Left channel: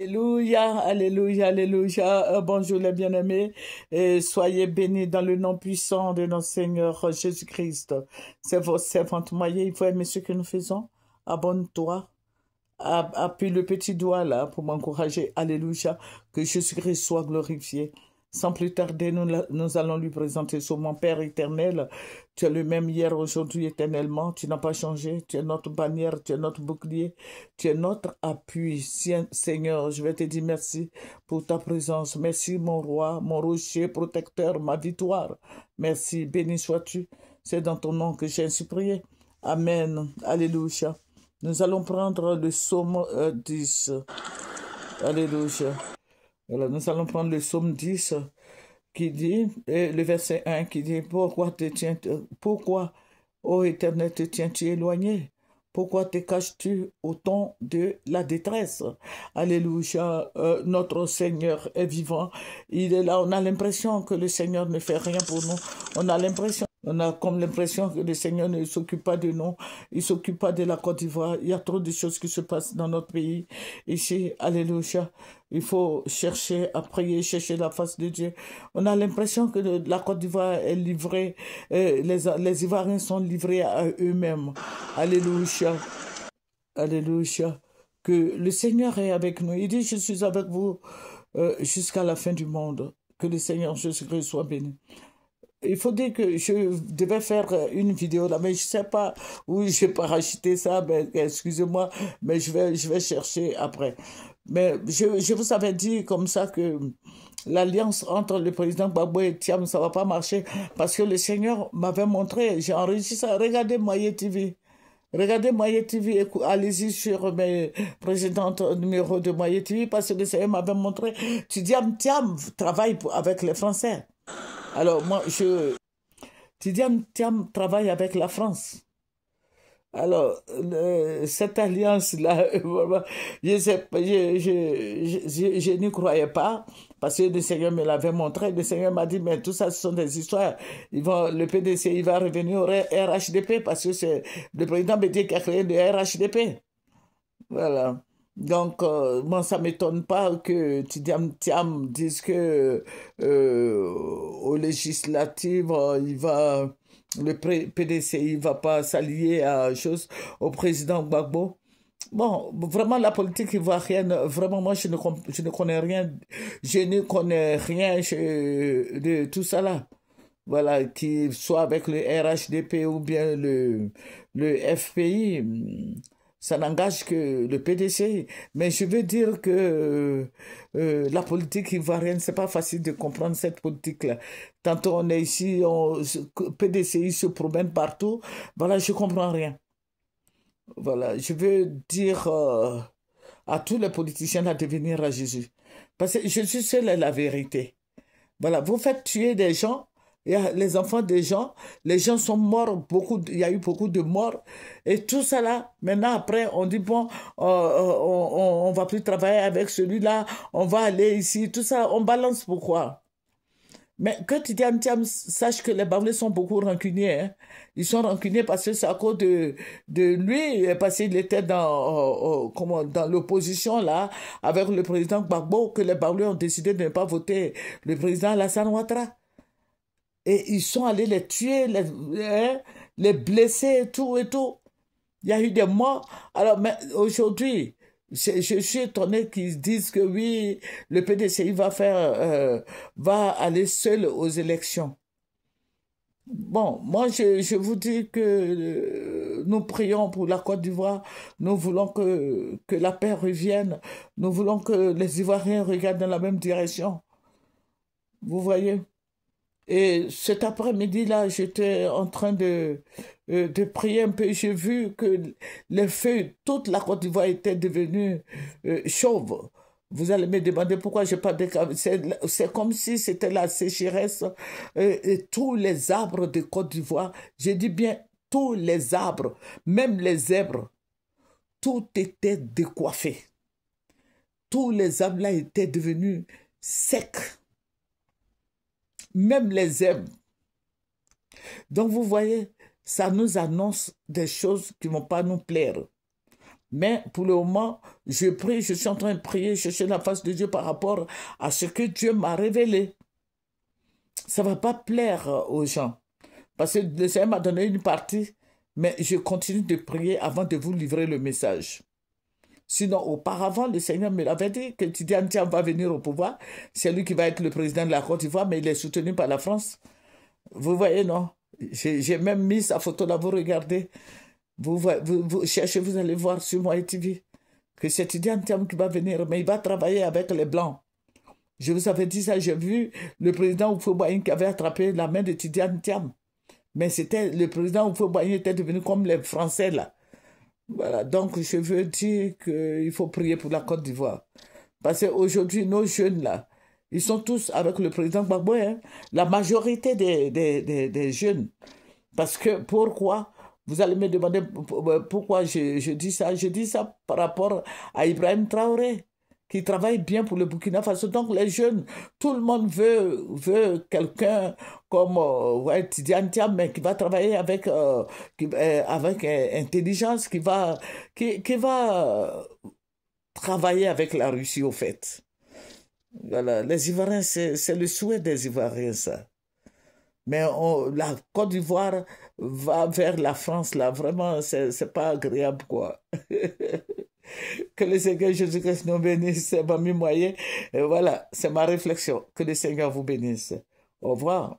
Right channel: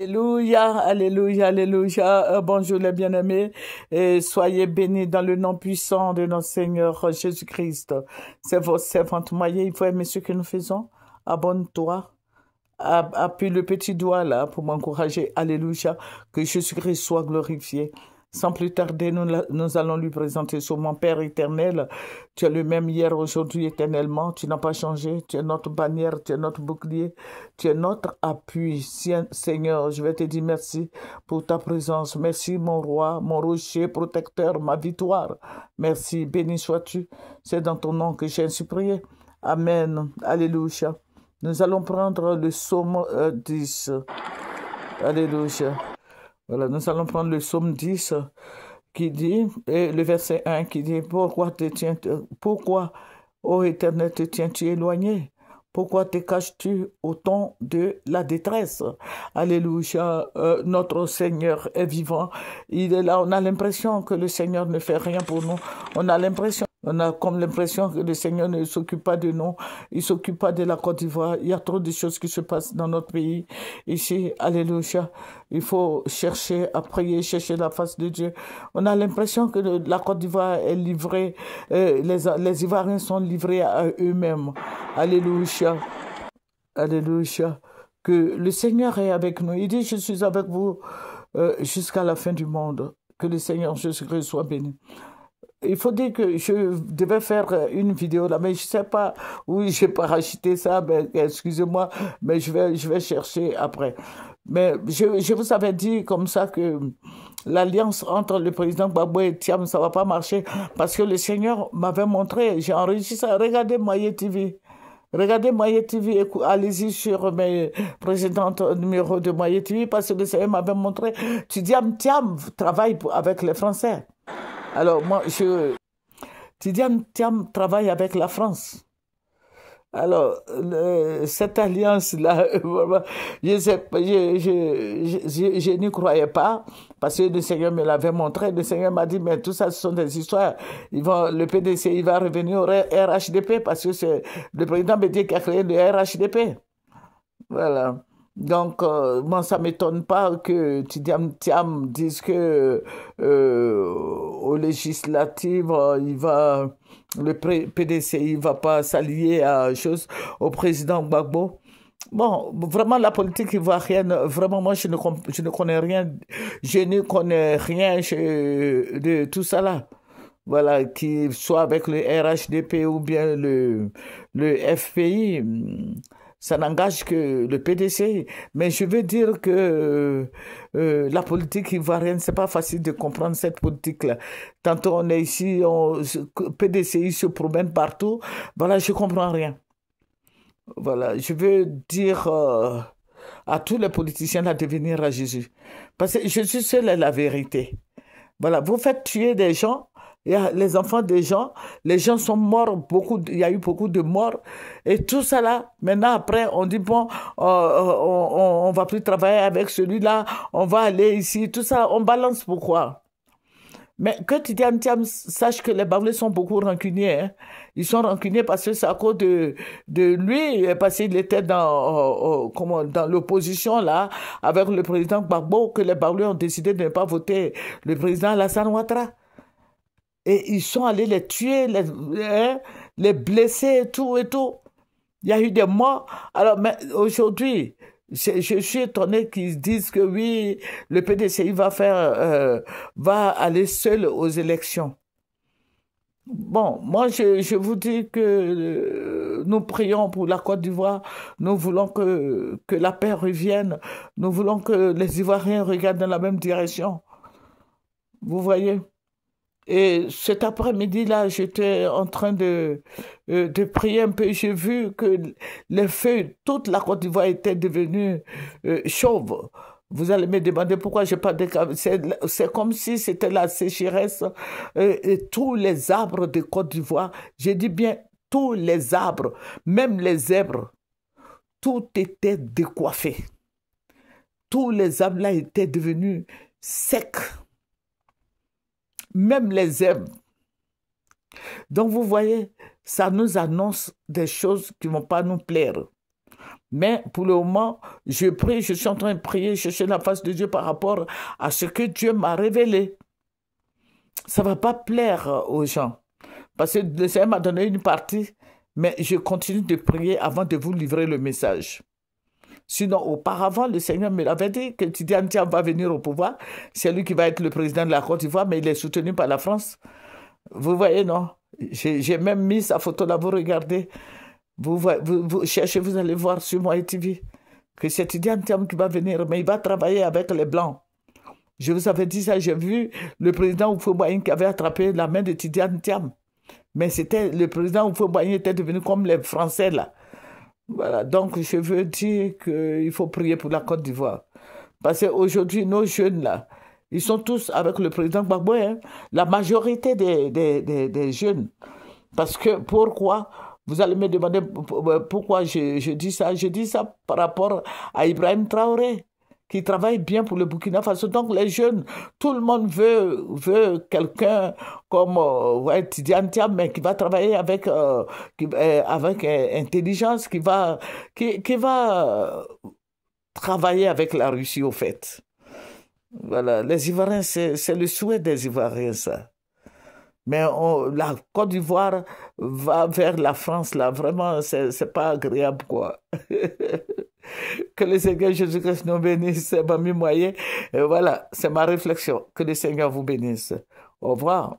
Alléluia, alléluia, alléluia. Bonjour les bien-aimés et soyez bénis dans le nom puissant de notre Seigneur Jésus-Christ. C'est votre servante moyen. Il faut aimer ce que nous faisons. Abonne-toi. Appuie le petit doigt là pour m'encourager. Alléluia. Que Jésus-Christ soit glorifié. Sans plus tarder, nous allons lui présenter sur mon Père éternel. Tu es le même hier, aujourd'hui, éternellement. Tu n'as pas changé. Tu es notre bannière, tu es notre bouclier, tu es notre appui. Seigneur, je vais te dire merci pour ta présence. Merci, mon roi, mon rocher protecteur, ma victoire. Merci, béni sois-tu. C'est dans ton nom que j'ai ainsi prié. Amen. Alléluia. Nous allons prendre le psaume 10. Alléluia. Voilà, nous allons prendre le psaume 10 qui dit, et le verset 1 qui dit, pourquoi, ô Éternel, te tiens-tu éloigné? Pourquoi te caches-tu au temps de la détresse? Alléluia, notre Seigneur est vivant. Il est là, on a l'impression que le Seigneur ne fait rien pour nous. On a comme l'impression que le Seigneur ne s'occupe pas de nous. Il ne s'occupe pas de la Côte d'Ivoire. Il y a trop de choses qui se passent dans notre pays. Ici, alléluia. Il faut chercher à prier, chercher la face de Dieu. On a l'impression que la Côte d'Ivoire est livrée, les Ivoiriens sont livrés à eux-mêmes. Alléluia. Alléluia. Que le Seigneur est avec nous. Il dit, je suis avec vous jusqu'à la fin du monde. Que le Seigneur Jésus-Christ soit béni. Il faut dire que je devais faire une vidéo là, mais je ne sais pas où j'ai parachuté ça, mais excusez-moi, mais je vais chercher après. Mais je vous avais dit comme ça que l'alliance entre le président Gbagbo et Thiam, ça ne va pas marcher parce que le Seigneur m'avait montré, j'ai enregistré ça, regardez Moyen TV. Regardez Moyen TV, allez-y sur mes précédents numéros de Moyen TV parce que le Seigneur m'avait montré, Thiam travaille avec les Français. Alors, moi, Tidiane Thiam travaille avec la France. Alors, cette alliance-là, je n'y croyais pas, parce que le Seigneur me l'avait montré. Le Seigneur m'a dit, mais tout ça, ce sont des histoires. Le PDC, il va revenir au RHDP, parce que c'est le président Bédié qui a créé le RHDP. Voilà. Donc, moi, ça ne m'étonne pas que Tidiane Thiam dise que aux législatives, le PDC, il ne va pas s'allier à chose au président Gbagbo. Bon, vraiment, la politique ivoirienne, vraiment, moi, je ne connais rien. Je ne connais rien de tout ça là. Voilà, qu'il soit avec le RHDP ou bien le FPI. Ça n'engage que le PDC. Mais je veux dire que la politique ivoirienne, c'est pas facile de comprendre cette politique-là. Tantôt on est ici, PDCI se promène partout. Voilà, je comprends rien. Voilà, je veux dire à tous les politiciens de venir à Jésus. Parce que Jésus seul est la vérité. Voilà, vous faites tuer des gens, il y a les enfants des gens, les gens sont morts, il y a eu beaucoup de morts, et tout ça là, maintenant après, on dit bon, on va plus travailler avec celui-là, on va aller ici, tout ça, on balance pourquoi? Mais que Tidiane Thiam sache que les Baoulés sont beaucoup rancuniers. Hein. Ils sont rancuniers parce que c'est à cause de lui, parce qu'il était dans l'opposition là, avec le président Gbagbo, que les Baoulés ont décidé de ne pas voter le président Alassane Ouattara. Et ils sont allés les tuer, les blesser et tout et tout. Il y a eu des morts. Alors, mais aujourd'hui, je suis étonné qu'ils disent que oui, le PDCI va aller seul aux élections. Bon, moi, je vous dis que nous prions pour la Côte d'Ivoire. Nous voulons que la paix revienne. Nous voulons que les Ivoiriens regardent dans la même direction. Vous voyez? Et cet après-midi-là, j'étais en train de prier un peu. J'ai vu que les feuilles, toute la Côte d'Ivoire était devenue chauve. Vous allez me demander pourquoi j'ai pas de... C'est comme si c'était la sécheresse et tous les arbres de Côte d'Ivoire. J'ai dit bien tous les arbres, même les zèbres, tout était décoiffé. Tous les arbres-là étaient devenus secs. Même les zèbres. Donc vous voyez, ça nous annonce des choses qui ne vont pas nous plaire. Mais pour le moment, je prie, je suis en train de prier, chercher la face de Dieu par rapport à ce que Dieu m'a révélé. Ça ne va pas plaire aux gens. Parce que le Seigneur m'a donné une partie, mais je continue de prier avant de vous livrer le message. Sinon, auparavant, le Seigneur me l'avait dit que Tidiane Thiam va venir au pouvoir. C'est lui qui va être le président de la Côte d'Ivoire, mais il est soutenu par la France. Vous voyez, non? J'ai même mis sa photo là, vous regardez. Vous cherchez, vous allez voir sur mon TV que c'est Tidiane Thiam qui va venir, mais il va travailler avec les Blancs. Je vous avais dit ça, j'ai vu le président Houphouët-Boigny qui avait attrapé la main de Tidiane Thiam. Mais c'était le président Houphouët-Boigny était devenu comme les Français là. Voilà, donc je veux dire qu'il faut prier pour la Côte d'Ivoire. Parce qu'aujourd'hui, nos jeunes là, ils sont tous avec le président Gbagbo, hein? La majorité des jeunes. Parce que pourquoi? Vous allez me demander pourquoi je dis ça. Je dis ça par rapport à Ibrahim Traoré, qui travaille bien pour le Burkina Faso. Donc les jeunes, tout le monde veut quelqu'un comme Tidiane Thiam, mais qui va travailler avec, avec intelligence, qui va travailler avec la Russie au fait. Voilà, les Ivoiriens, c'est le souhait des Ivoiriens, ça. Mais la Côte d'Ivoire va vers la France, là. Vraiment, c'est pas agréable, quoi. Que le Seigneur Jésus-Christ nous bénisse, c'est ma moyen. Voilà, c'est ma réflexion. Que le Seigneur vous bénisse. Au revoir.